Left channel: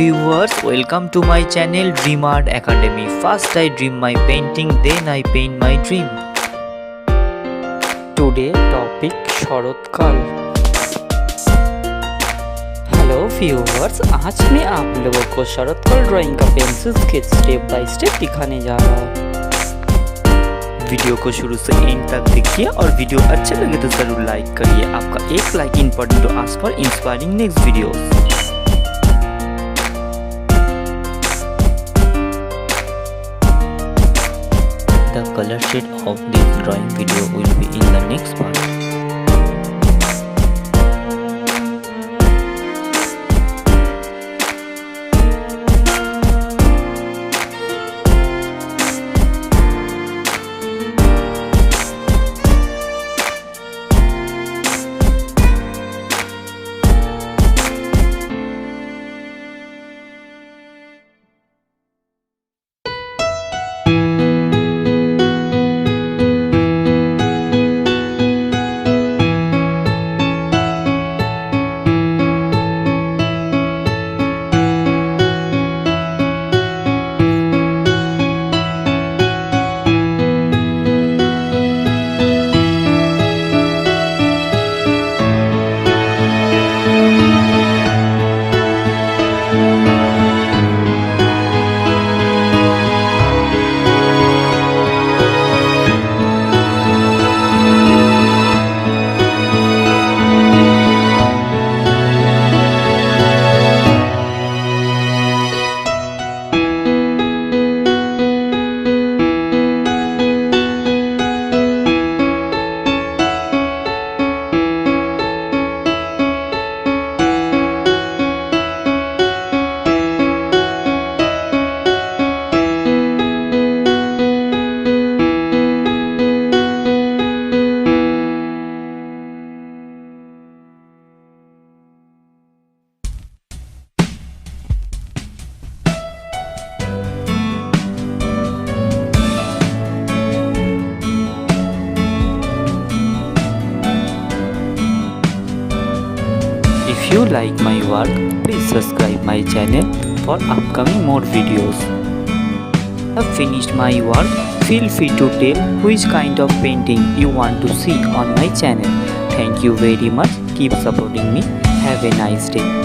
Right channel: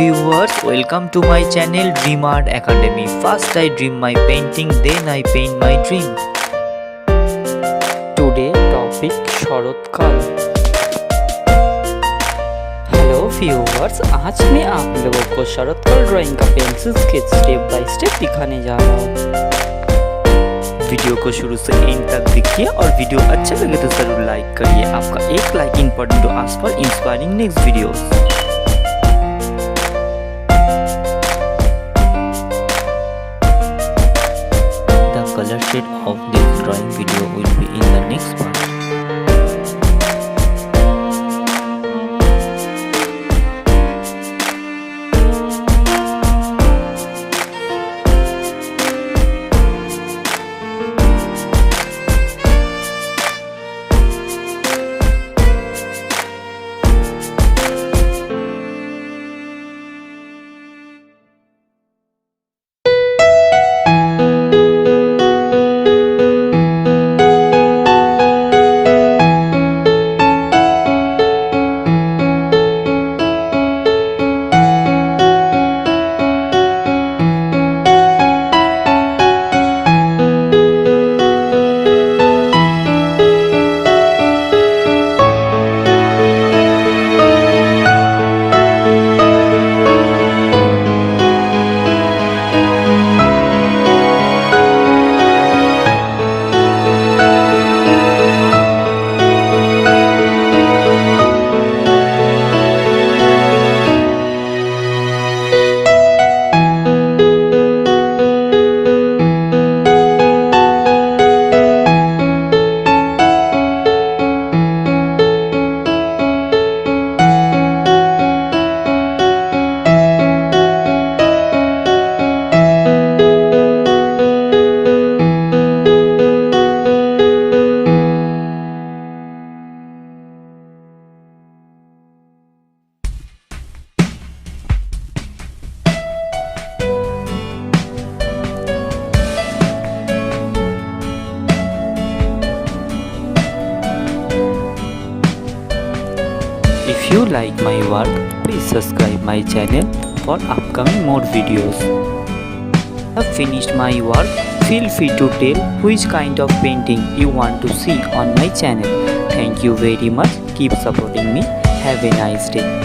viewers, welcome to my channel Dream Art Academy. First I dream my painting, then I paint my dream. Today topic शरतकाल। Hello viewers, आज मैं आप लोगों को शरतकाल drawing का pencil sketch step by step दिखाने जा रहा हूँ। वीडियो को शुरू से एंड तक देखिए और वीडियो अच्छे लगे तो जरूर लाइक करिए। आपका एक like important to ask for inspiring next videos. The color shade of this drawing video will be in the next part. If you like my work, please subscribe my channel for upcoming more videos. Have finished my work, feel free to tell which kind of painting you want to see on my channel. Thank you very much. Keep supporting me. Have a nice day.